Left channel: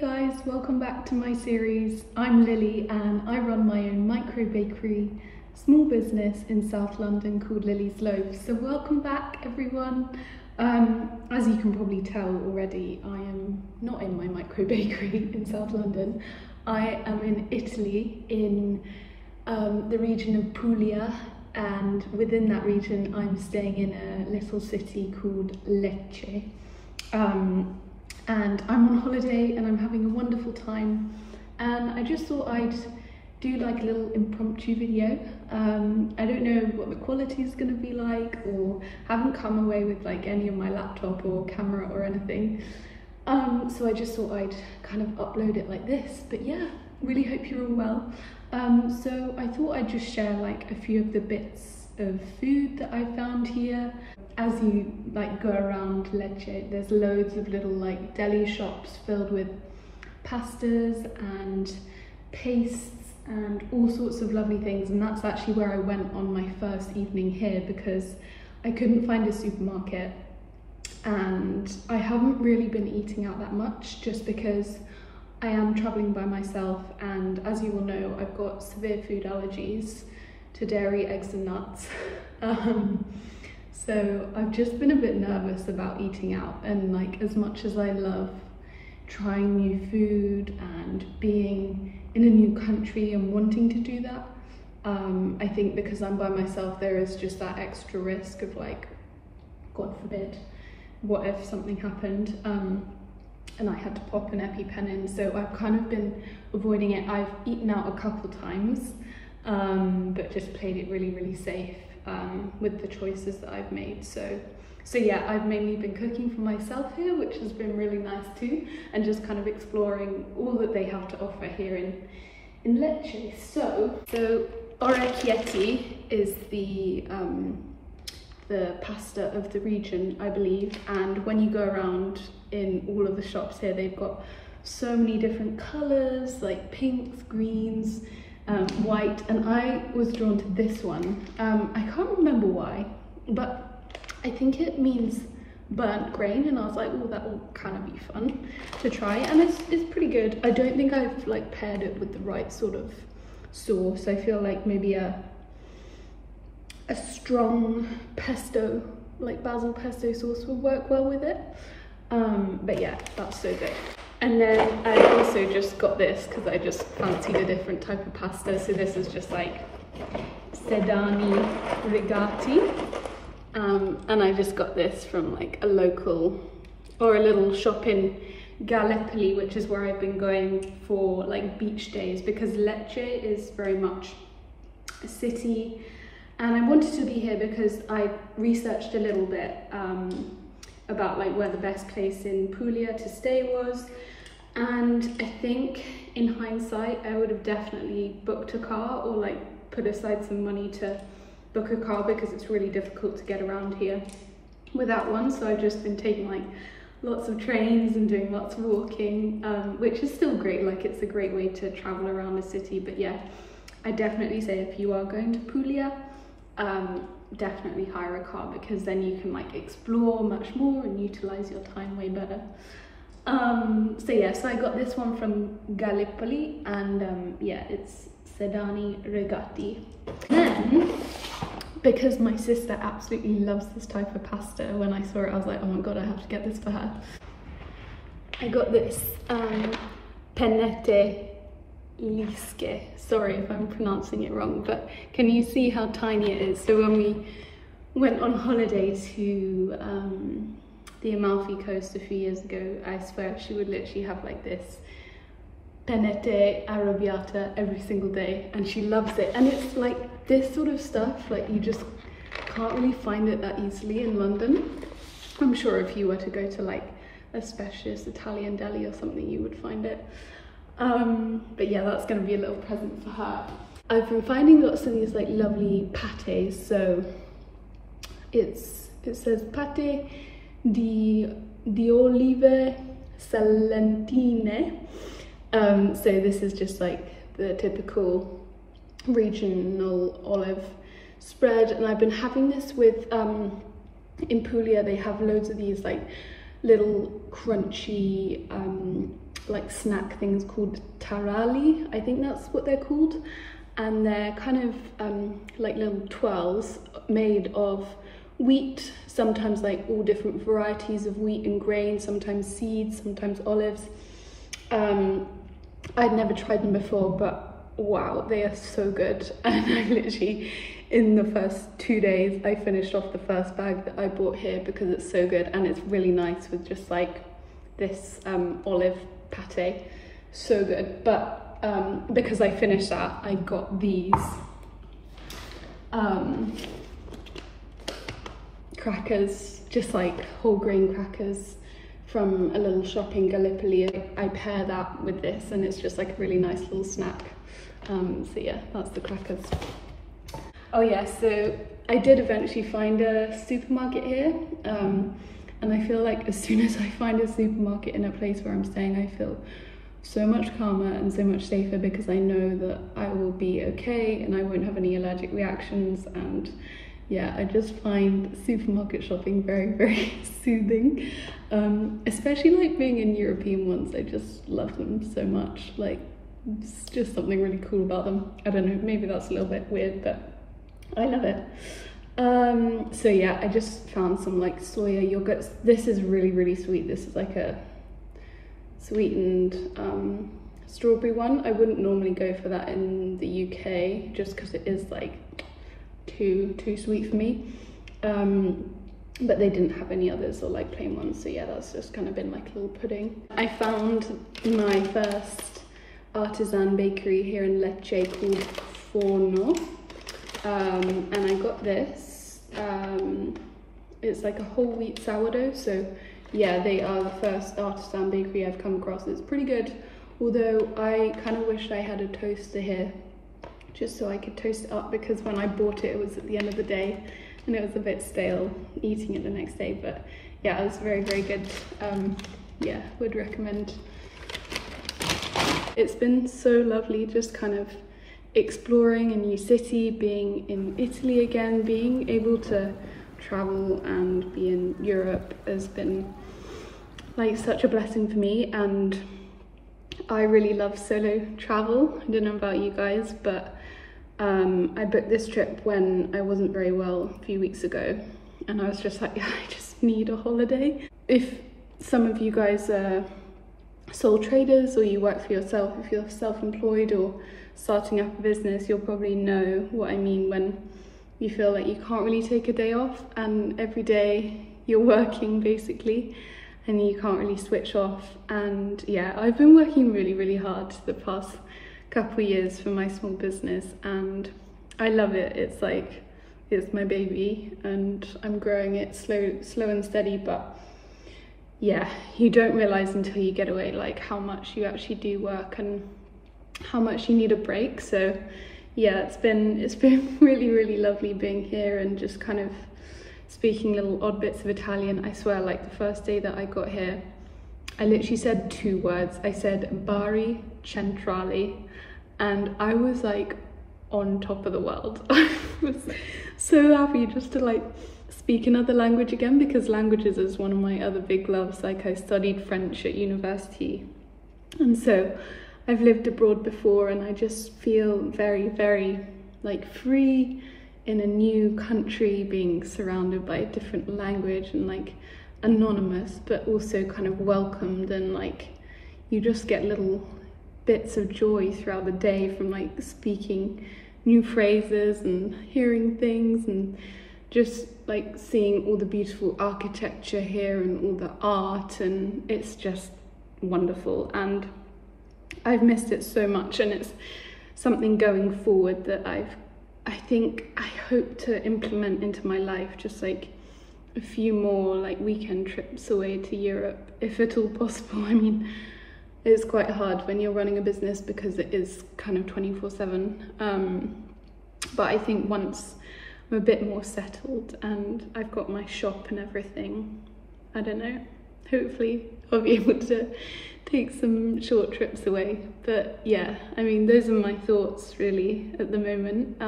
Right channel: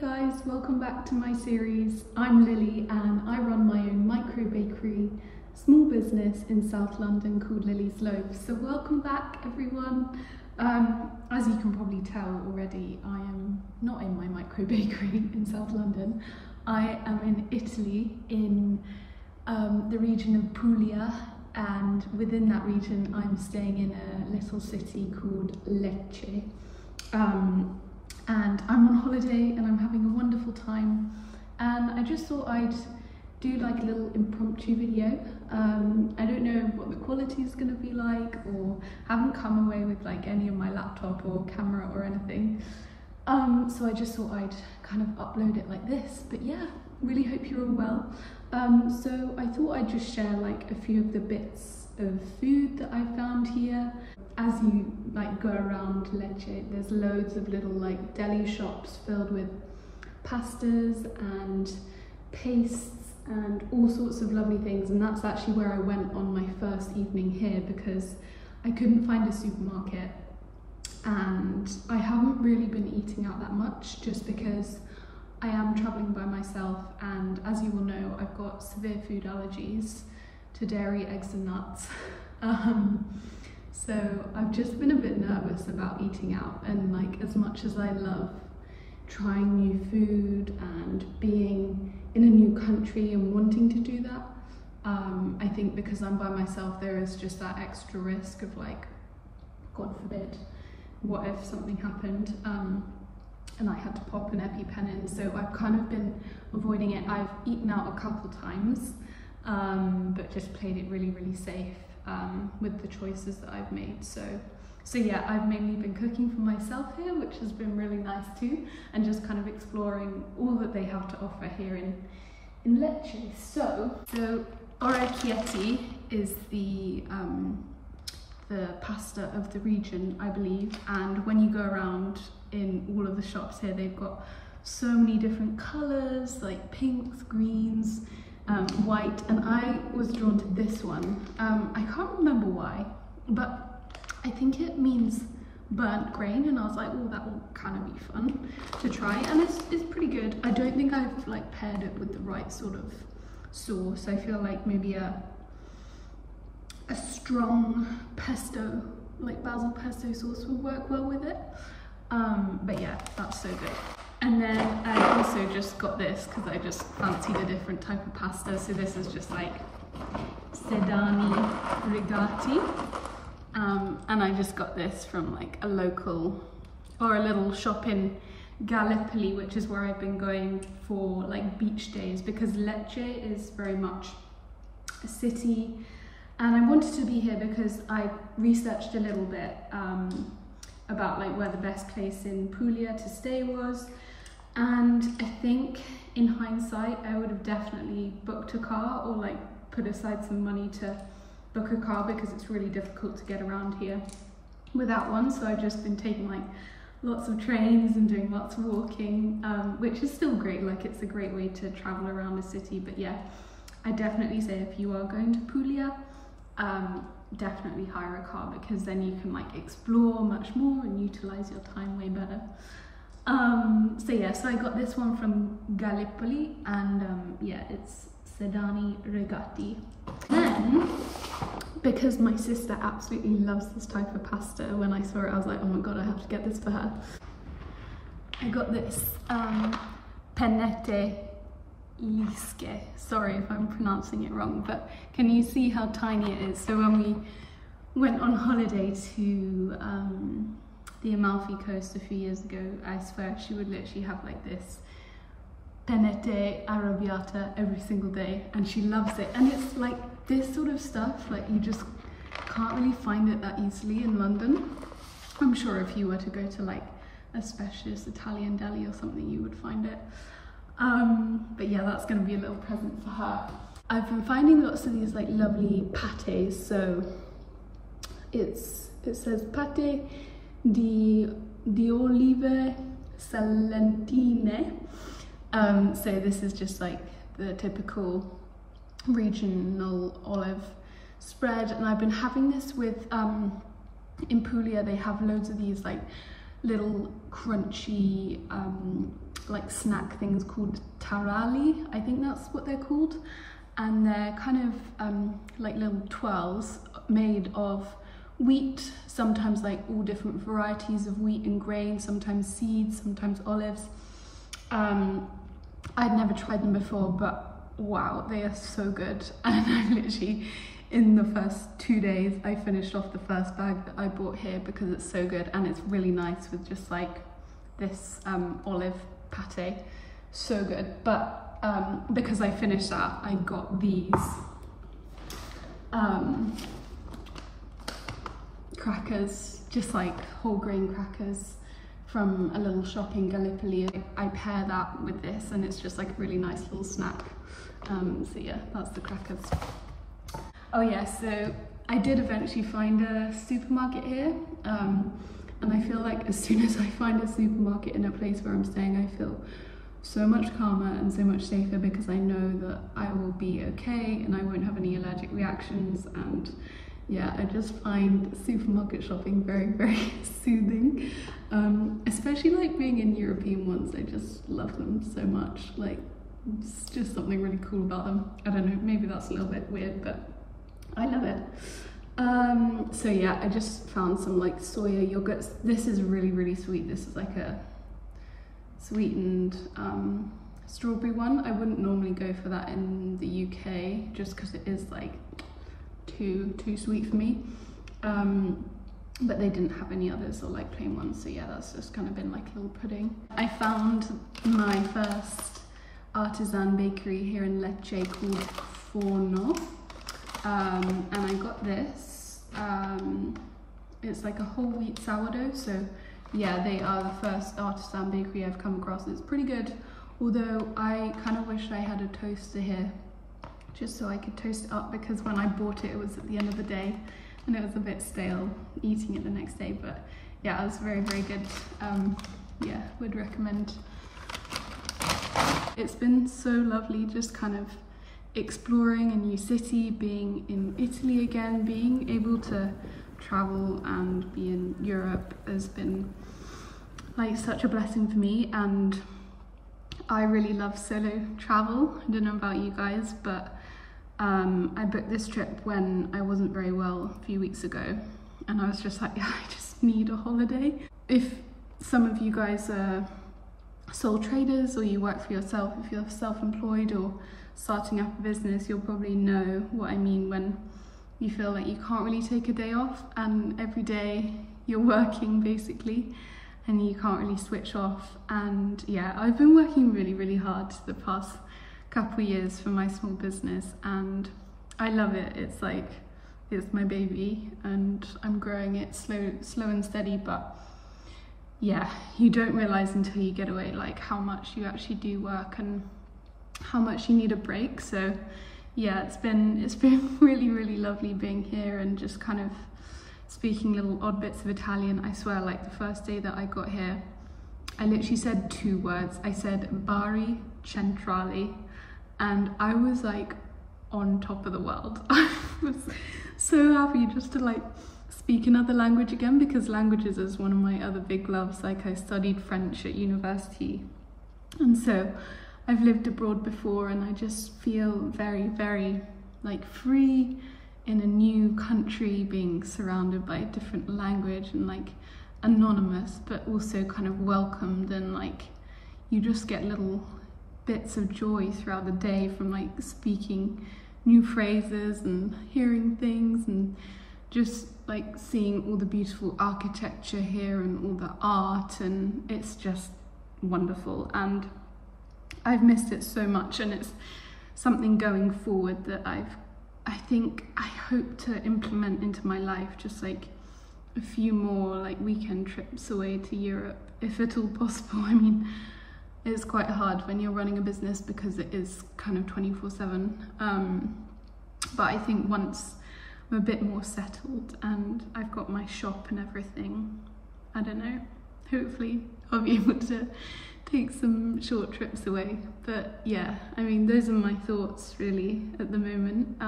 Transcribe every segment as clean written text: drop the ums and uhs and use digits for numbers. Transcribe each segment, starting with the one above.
guys, welcome back to my series. I'm Lily and I run my own micro bakery, small business in South London called Lily's Loaves. So welcome back everyone. As you can probably tell already, I am not in my micro bakery in South London. I am in Italy in the region of Puglia, and within that region I'm staying in a little city called Lecce. And I'm on holiday and I'm having a wonderful time, and I just thought I'd do like a little impromptu video. I don't know what the quality is going to be like, or haven't come away with like any of my laptop or camera or anything, so I just thought I'd kind of upload it like this. But yeah, really hope you're all well. So I thought I'd just share like a few of the bits of food that I found here. As you like go around Lecce, there's loads of little like deli shops filled with pastas and pastes and all sorts of lovely things, and that's actually where I went on my first evening here because I couldn't find a supermarket, and I haven't really been eating out that much just because I am travelling by myself, and as you all know, I've got severe food allergies to dairy, eggs and nuts. So I've just been a bit nervous about eating out, and like as much as I love trying new food and being in a new country and wanting to do that, I think because I'm by myself there is just that extra risk of like, God forbid, what if something happened and I had to pop an EpiPen in. So I've kind of been avoiding it. I've eaten out a couple times, but just played it really safe with the choices that I've made. So yeah, I've mainly been cooking for myself here, which has been really nice too, and just kind of exploring all that they have to offer here in Lecce. So Orecchiette is the pasta of the region, I believe, and when you go around in all of the shops here, they've got so many different colours, like pinks, greens, white, and I was drawn to this one. I can't remember why, but I think it means burnt grain, and I was like, oh, that will kind of be fun to try, and it's pretty good. I don't think I've like paired it with the right sort of sauce. I feel like maybe a strong pesto, like basil pesto sauce would work well with it. But yeah, that's so good. And then I also just got this because I just fancied a different type of pasta. So this is just like Sedani Regatti. And I just got this from like a local or a little shop in Gallipoli, which is where I've been going for like beach days, because Lecce is very much a city, and I wanted to be here because I researched a little bit about like where the best place in Puglia to stay was, and I think in hindsight I would have definitely booked a car or like put aside some money to book a car, because it's really difficult to get around here without one. So I've just been taking like lots of trains and doing lots of walking, which is still great. Like it's a great way to travel around the city. But yeah, I definitely say if you are going to Puglia, definitely hire a car, because then you can like explore much more and utilize your time way better. So yeah, so I got this one from Gallipoli, and yeah, it's Sedani Regatti. Then, because my sister absolutely loves this type of pasta, when I saw it I was like, oh my god, I have to get this for her. I got this Panetta. Sorry if I'm pronouncing it wrong, but can you see how tiny it is? So when we went on holiday to the Amalfi Coast a few years ago, I swear she would literally have like this Panetta arrabbiata every single day, and she loves it. And it's like this sort of stuff, like you just can't really find it that easily in London. I'm sure if you were to go to like a specialist Italian deli or something, you would find it. But yeah, that's going to be a little present for her. I've been finding lots of these like lovely pates. So it says pate di olive salentine. So this is just like the typical regional olive spread, and I've been having this with in Puglia they have loads of these like little crunchy like snack things called tarali, I think that's what they're called, and they're kind of like little twirls made of wheat, sometimes like all different varieties of wheat and grain, sometimes seeds, sometimes olives. I'd never tried them before, but wow, they are so good. And I literally, in the first 2 days, I finished off the first bag that I bought here because it's so good, and it's really nice with just like this olive pate, so good. But because I finished that, I got these crackers, just like whole grain crackers from a little shop in Gallipoli. I pair that with this and it's just like a really nice little snack. So yeah, that's the crackers. Oh yeah, so I did eventually find a supermarket here, and I feel like as soon as I find a supermarket in a place where I'm staying, I feel so much calmer and so much safer, because I know that I will be okay and I won't have any allergic reactions. And yeah, I just find supermarket shopping very, very soothing, especially like being in European ones. I just love them so much. Like, it's just something really cool about them. I don't know, maybe that's a little bit weird, but I love it. So yeah, I just found some like soya yogurts. This is really, really sweet. This is like a sweetened strawberry one. I wouldn't normally go for that in the UK just because it is like too sweet for me, but they didn't have any others or like plain ones, so yeah, that's just kind of been like a little pudding. I found my first Artisan Bakery here in Lecce called Forno, and I got this. It's like a whole wheat sourdough, so yeah, they are the first Artisan Bakery I've come across. It's pretty good, although I kind of wish I had a toaster here just so I could toast it up, because when I bought it, it was at the end of the day and it was a bit stale eating it the next day. But yeah, it was very, very good. Yeah, would recommend. It's been so lovely just kind of exploring a new city, being in Italy again, being able to travel and be in Europe has been like such a blessing for me. And I really love solo travel. I don't know about you guys, but I booked this trip when I wasn't very well a few weeks ago, and I was just like, yeah, I just need a holiday. If some of you guys are sole traders or you work for yourself, if you're self-employed or starting up a business, you'll probably know what I mean when you feel like you can't really take a day off and every day you're working basically and you can't really switch off. And yeah, I've been working really, really hard the past couple of years for my small business and I love it. It's like, it's my baby and I'm growing it slow and steady, but yeah, you don't realize until you get away like how much you actually do work and how much you need a break. So yeah, it's been really, really lovely being here and just kind of speaking little odd bits of Italian. I swear, like the first day that I got here, I literally said 2 words. I said Bari Centrale and I was like on top of the world. I was so happy just to like speak another language again, because languages is one of my other big loves. Like I studied French at university and so I've lived abroad before and I just feel very, very like free in a new country, being surrounded by a different language and like anonymous, but also kind of welcomed, and like you just get little bits of joy throughout the day from like speaking new phrases and hearing things and just like seeing all the beautiful architecture here and all the art, and it's just wonderful. And I've missed it so much, and it's something going forward that I hope to implement into my life, just like a few more like weekend trips away to Europe, if at all possible. I mean, it's quite hard when you're running a business because it is kind of 24/7. But I think once I'm a bit more settled and I've got my shop and everything, I don't know, hopefully I'll be able to take some short trips away. But yeah, I mean, those are my thoughts really at the moment.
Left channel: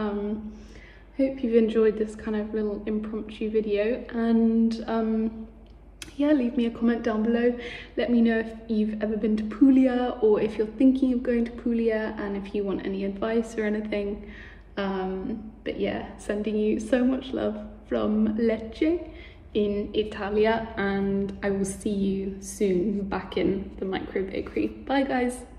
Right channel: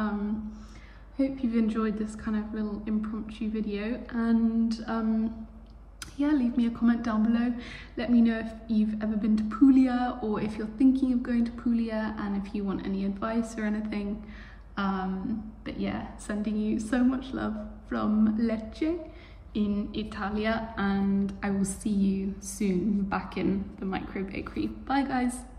Hope you've enjoyed this kind of little impromptu video, and yeah, leave me a comment down below. Let me know if you've ever been to Puglia, or if you're thinking of going to Puglia, and if you want any advice or anything. But yeah, sending you so much love from Lecce in Italia, and I will see you soon back in the micro bakery. Bye guys.